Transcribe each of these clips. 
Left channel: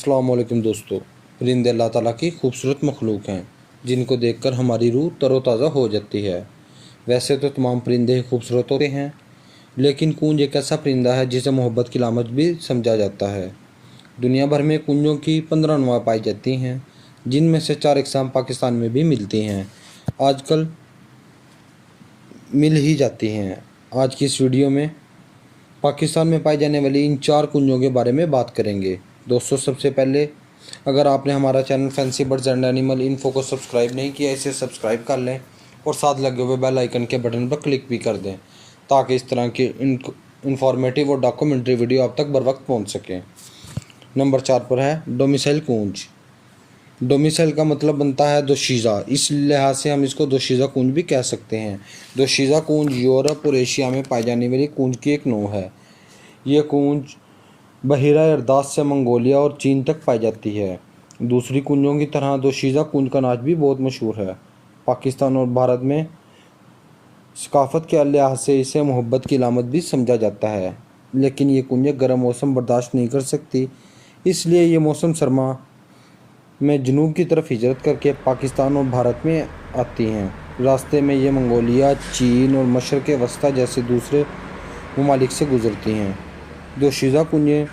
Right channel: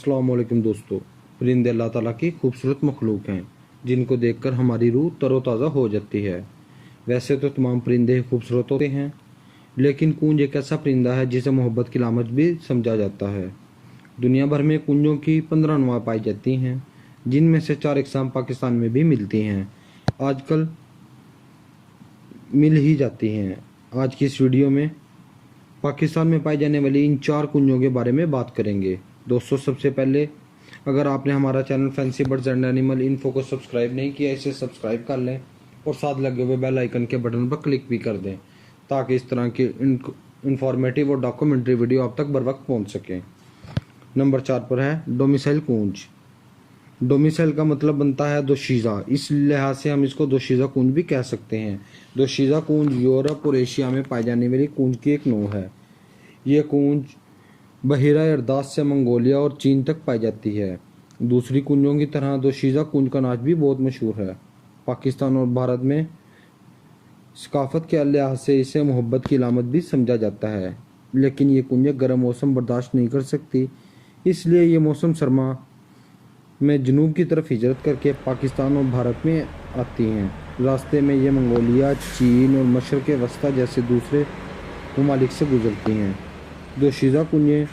अस्सलाम वालेकुम दोस्तों। परिंदे अल्लाह ताला की खूबसूरत मखलूक हैं जिनको देखकर हमारी रूह तरोताज़ा हो जाती है। वैसे तो तमाम परिंदे ही खूबसूरत होते हैं, लेकिन कूंज एक ऐसा परिंदा है जिसे मोहब्बत की लामत भी समझा जाता है। दुनिया भर में कूंजों की 15 अनवाएं पाई जाती हैं, जिनमें से 4 इकसाम पाकिस्तान में भी मिलती हैं। आजकल मिल ही जाती हैं। आज की इस वीडियो में पाकिस्तान में पाई जाने वाली इन 4 कुंजों के बारे में बात करेंगे। दोस्तों, सबसे पहले अगर आपने हमारा channel fancy birds and animal info को सब्सक्राइब नहीं किया, इसे सब्सक्राइब कर लें और साथ लगे हुए बेल आइकन के बटन पर क्लिक भी कर दें, ताकि इस तरह की इंफॉर्मेटिव और डॉक्यूमेंट्री वीडियो आप तक बर वक्त पहुँच सकें। नंबर 4 पर है डोमिसाइल कूंज। डोमिसाइल का मतलब बनता है दोशीज़ा, इस लिहाज से हम इसको दोशीज़ा कूंज भी कह सकते हैं। दोशीज़ा कूंज यूरोप और एशिया में पाई जाने वाली कूंज की एक नौ है। ये कूंज बहिरा अरदास से मंगोलिया और चीन तक पाई जाती है। दूसरी कूंजों की तरह दोशीज़ा कूंज का नाच भी बहुत मशहूर है। पाकिस्तान और भारत में सकाफत के लिहाज से इसे मोहब्बत की अलामत भी समझा जाता है, लेकिन ये कूंजें गर्म मौसम बर्दाश्त नहीं कर सकती, इसलिए ये मौसम सरमा में जनूब की तरफ हिजरत करके पाकिस्तान और भारत में आती हैं। रास्ते में ये मंगोलिया, चीन और मशरक़ वस्ती जैसे दूसरे ममालिक से गुजरती हैं। दोशीज़ा कूंजें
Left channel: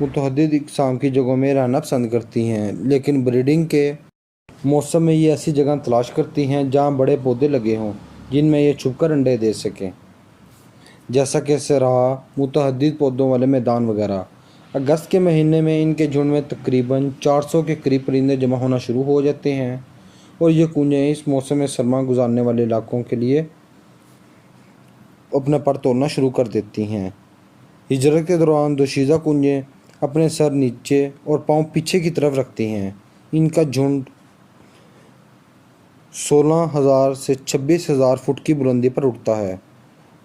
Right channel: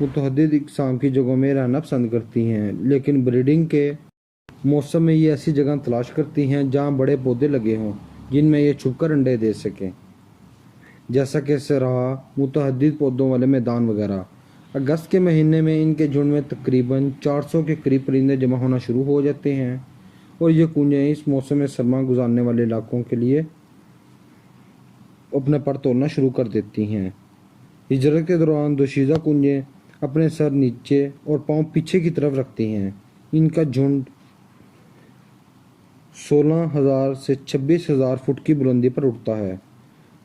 मुतअद्दिद इक़साम की जगहों में रहना पसंद करती हैं, लेकिन ब्रीडिंग के मौसम में ये ऐसी जगह तलाश करती हैं जहाँ बड़े पौधे लगे हों जिनमें ये छुपकर अंडे दे सकें, जैसा कि सराह, मुतअद्दिद पौधों वाले मैदान वगैरह। अगस्त के महीने में इनके झुंड में तकरीबन 400 के करीब परिंदे जमा होना शुरू हो जाते हैं और ये कूंजें इस मौसम सरमा गुजारने वाले इलाकों के लिए अपना पर तोड़ना शुरू कर देती हैं। हिजरत के दौरान दोशीज़ा कूंजें अपने सर नीचे और पांव पीछे की तरफ रखती हैं। इनका झुंड 16,000 से 26,000 फुट की बुलंदी पर उड़ता है।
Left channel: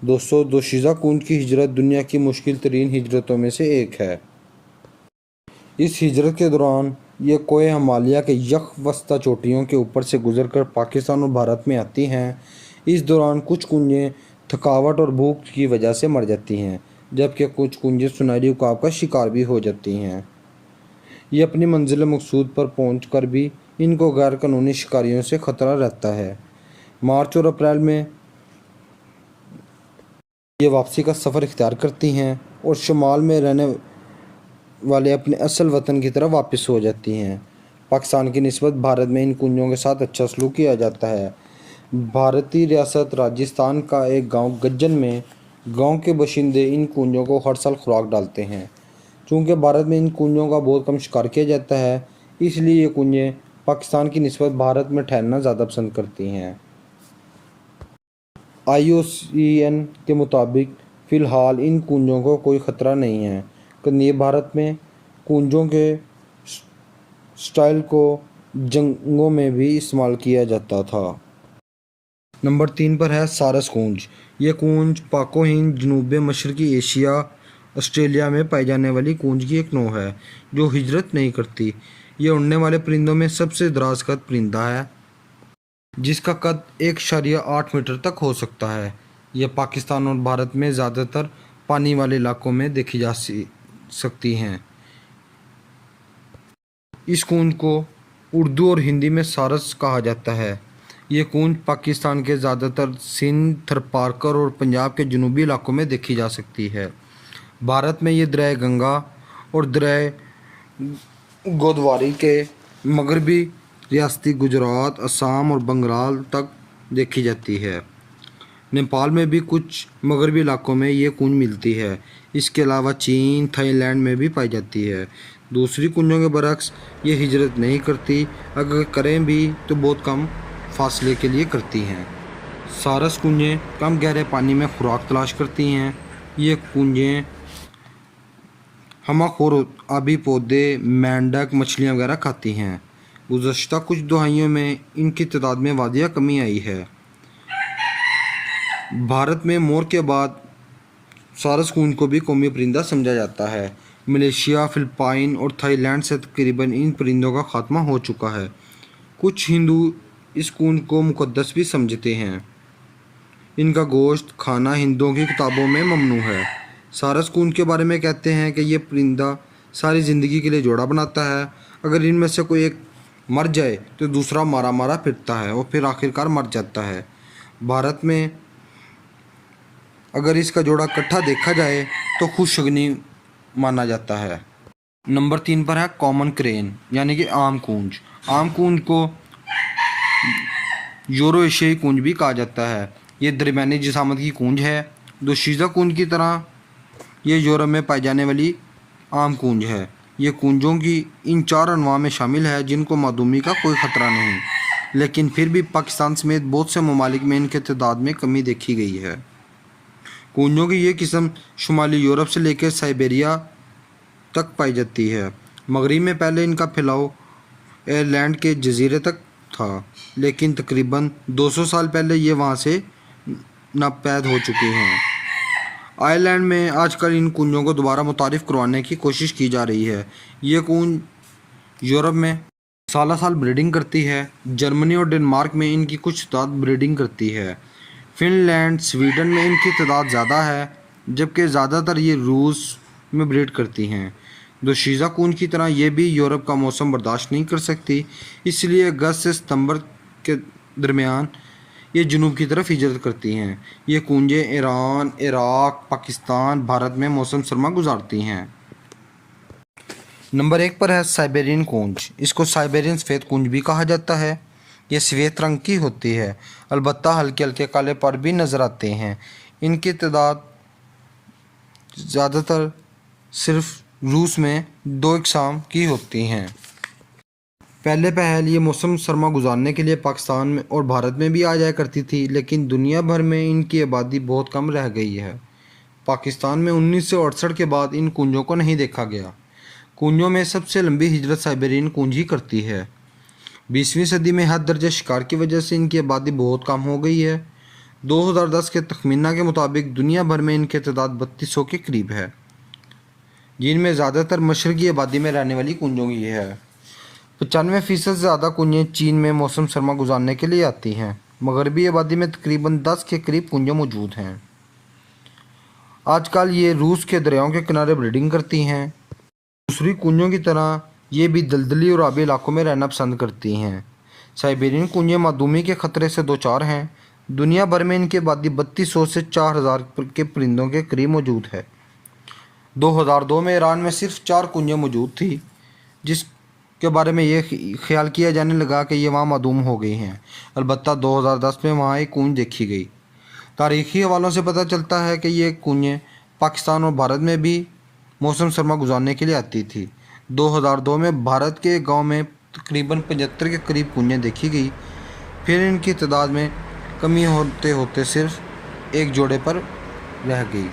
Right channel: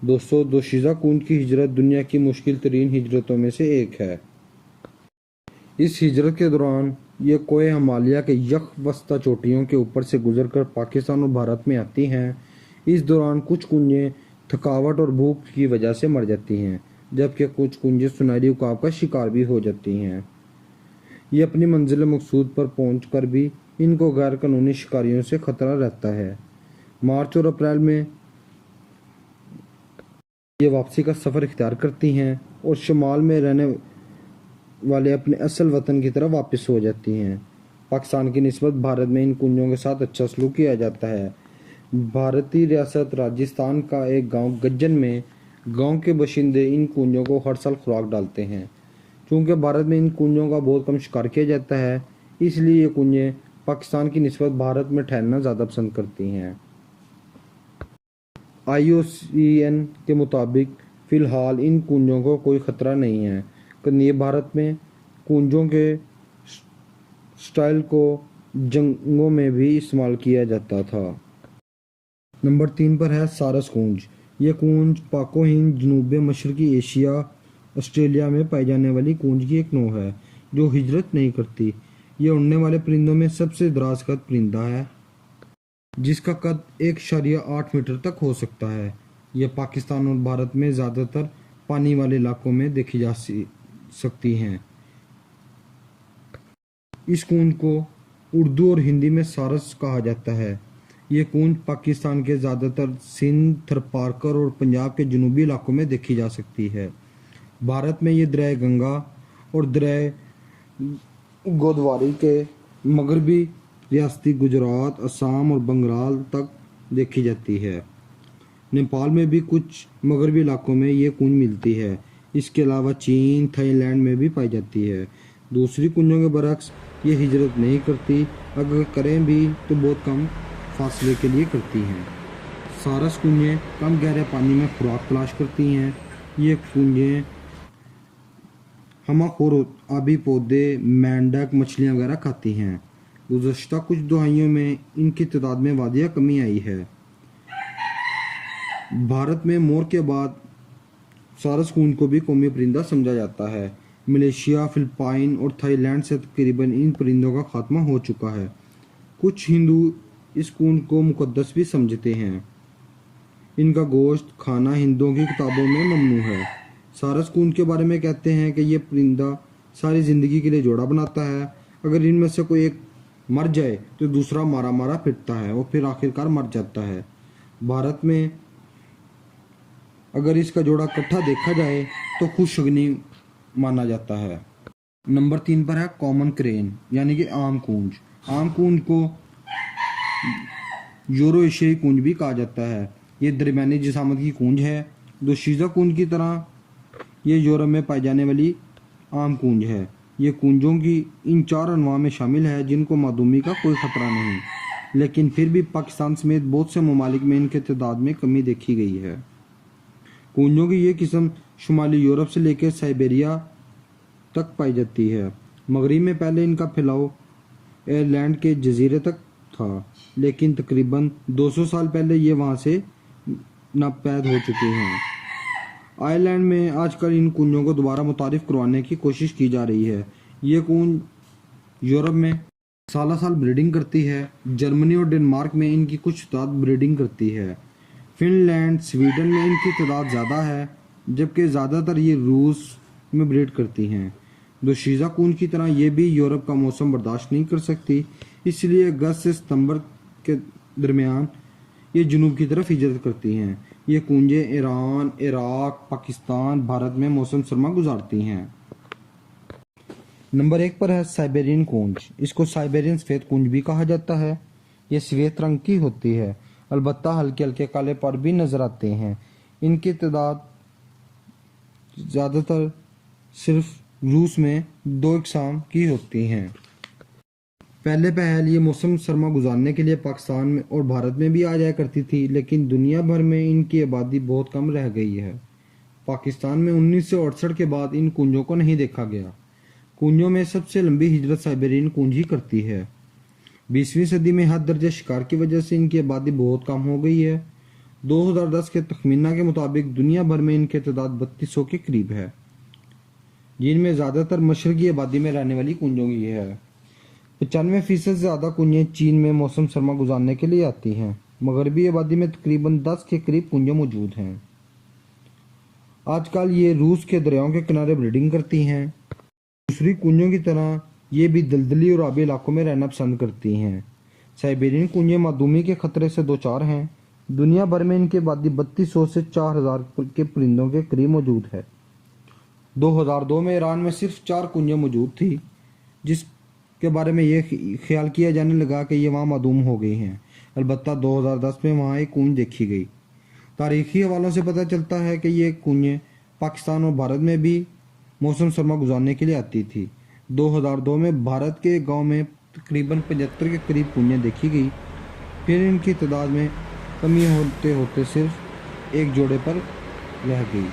दोस्तों, दोशीज़ा कूंज की हिजरत दुनिया की मुश्किल तरीन हिजरतों में से एक है। इस हिजरत के दौरान ये कोहे हिमालय के यख वस्ता चोटियों के ऊपर से गुजरकर पाकिस्तान और भारत में आती हैं। इस दौरान कुछ कूंजें थकावट और भूख की वजह से मर जाती हैं, जबकि कुछ कूंजें सुनहरी उकाब का शिकार भी हो जाती हैं। ये अपनी मंजिल मकसूद पर पहुँच कर भी इनको गैर कानूनी शिकारियों से ख़तरा रहता है। मार्च और अप्रैल में ये वापसी का सफ़र इख्तियार करती हैं और शुमाल में रहने वाले अपने असल वतन की तरफ वापस हो जाती हैं। पाकिस्तान की निस्बत भारत में इन कुंजों के साथ अच्छा सलूक किया जाता है। भारतीय रियासत राजस्थान का एक गांव गज्जन में गांव के बाशिंदे इन कुंजों को हर साल खुराक डालते हैं। चूँकि भारत में इन कुंजों का बहुत कम शिकार किया जाता है, इसलिए ये कुंजें पाकिस्तान की निस्बत भारत में ठहरना ज़्यादा पसंद करती हैं। IUCN के मुताबिक फ़िलहाल इन कुंजों को कोई ख़तरा नहीं है। कदीम भारत में कुंजों के स्टाइल को जंगों में भी इस्तेमाल किया जाता था। नंबर 3 पर है सारस कूंज। ये कूंज पाको हिंद, जनूब मशरक़ी एशिया, ऑस्ट्रेलिया में पाई जाने वाली कूंज की एक नौ है जो हिजरत नहीं करती। ये उड़ने वाले परिंदों में सबसे दराज कद परिंदा है, जिसका कद 1.8 मीटर तक हो सकता है। यह पाकिस्तान और भारत में ज़्यादातर पानी वाले इलाकों में देखी जा सकती हैं। इस कूंज को उर्दू और हिंदी में सारस कहा जाता है। ये कूंज पाकिस्तान के ज़्यादातर सिंध, थरपारकर और पंजाब के जनूबी इलाकों में देखी जा सकती है। भारत में ये दरिया गंगा और दरिया गोदावरी के मगरबी रियासती गुजरात, असम और बंगाल तक देखी जाती है। नेपाल में भी कुछ मगरबी इलाकों में ये कूंज मिलती है। इसके अलावा चीन, थाईलैंड में भी पाई जाती है। दूसरी कुंजों के बरक्स ये हिजरत नहीं करती, अगर करें भी तो बहुत कम फासले के लिए करती हैं। सारस कुंजें कम गहरे पानी में खुराक तलाश करती हैं। ये कुंजें हमाखोर आबी पौधे, मेंढक, मछलियाँ वगैरह खाती हैं। गुज़श्ता कुछ दहाइयों में इनकी तादाद में वादिया कमी आई है। भारत में मोर के बाद सारस कूंज को भी कौमी परिंदा समझा जाता है। मलेशिया, फिलिपाइन और थाईलैंड से तकरीबन इन परिंदों का खात्मा हो चुका है। कुछ हिंदू इस कूंज को मुक़द्दस भी समझते हैं। इनका गोश्त खाना हिंदुओं की किताबों में ममनू है। सारस कूंज के बारे में कहते हैं कि ये परिंदा सारी ज़िंदगी के लिए जोड़ा बनाता है। अगर इनमें से कोई एक मर जाए तो दूसरा मारा मारा फिरता है और फिर आखिरकार मर जाता है। भारत में अगर इसका जोड़ा इकट्ठा देखा जाए तो खुशगनी माना जाता है। नंबर 3 पर है कॉमन क्रेन यानी कि आम कूंज। आम कूंज को यूरो एशियाई कूंज भी कहा जाता है। ये दरमियानी जिसामत की कूंज है। दोशीज़ा कूंज की तरह ये यूरोप में पाई जाने वाली आम कूंज है। ये कूंजों की इन 4 अनवां में शामिल है जिनको मादूमी का कोई ख़तरा नहीं, लेकिन फिर भी पाकिस्तान समेत बहुत से ममालिक में इनके तादाद में कमी देखी गई है। कूंजों की ये किस्म शुमाली यूरोप से लेकर साइबेरिया तक पाई जाती है। मगरिब में पहले इनका फैलाव आयरलैंड के जजीरे तक था, लेकिन तकरीबन 200 साल पहले ये वहाँ से नापैद हो चुके हैं। आयरलैंड में आजकल इन कूंजों को दोबारा मुतारिफ करवाने की कोशिश की जा रही है। ये कूंज यूरोप में साल ब्रीडिंग करती है। जर्मनी और डेनमार्क में इनकी कुछ तादाद ब्रीडिंग करती है। फिनलैंड, स्वीडन में इनकी तादाद ज़्यादा है, जबकि ज़्यादातर ये रूस में ब्रीड करती हैं। दोशीज़ा कूंज की तरह ये भी यूरोप का मौसम बर्दाश्त नहीं कर सकती, इसलिए अगस्त से सितंबर के दरमियान ये जनूब की तरफ हिजरत करती हैं। ये कूंजें ईरान, इराक, पाकिस्तान, भारत में मौसम सरमा गुजारती हैं। नंबर 1 पर है साइबेरियन कूंज। इसको साइबेरियन सफ़ेद कूंज भी कहा जाता है। ये सफ़ेद रंग की होती है, अलबत्ता हल्के हल्के काले पर भी नज़र आते हैं। इनकी तादाद ज़्यादातर सिर्फ रूस में 2 इकसाम की होती हैं। पहले ये मौसम सरमा गुजारने के लिए पाकिस्तान में और भारत में भी आ जाया करती थी, लेकिन दुनिया भर में इनकी आबादी बहुत कम रह गई है। पाकिस्तान में 1968 के बाद इन कूंजों को नहीं देखा गया। कूंजों में सबसे लंबी हिजरत साइबेरियन कूंज ही करती है। 20वीं सदी में हद दर्जे शिकार की वजह से इनकी आबादी बहुत कम हो गई है। 2010 के तखमीना के मुताबिक दुनिया भर में इनकी तादाद 3200 के करीब है, जिनमें ज़्यादातर मशरकी आबादी में रहने वाली कूंजों की है। 95% से ज़्यादा कूंजें चीन में मौसम सरमा गुजारने के लिए आती हैं। मगरबी आबादी में तकरीबन 10 के करीब कूंजें मौजूद हैं। आजकल ये रूस के दरियाओं के किनारे ब्रीडिंग करती हैं। दूसरी कूंजों की तरह ये भी दलदली और आबी इलाकों में रहना पसंद करती हैं। साइबेरियन कूंजें मादूमी के ख़तरे से दो चार हैं। दुनिया भर में इनकी आबादी 3200 से 4000 के परिंदों के करीब मौजूद है। 2002 में ईरान में सिर्फ 4 कूंजें मौजूद थी, जिसके बारे में ये ख्याल किया जाने लगा कि ये वहाँ मादूम हो गई हैं। अलबत्ता 2010 में वहाँ एक कूंज देखी गई। तारीख़ी हवालों से पता चलता है कि ये कूंजें पाकिस्तान और भारत में भी मौसम सरमा गुजारने के लिए आती थी। 2002 में भारत के गांव में तकरीबन 75 के करीब कूंजें देखी गई। फिर इनकी तादाद में कमी होते होते सिर्फ एक जोड़े पर रह गई।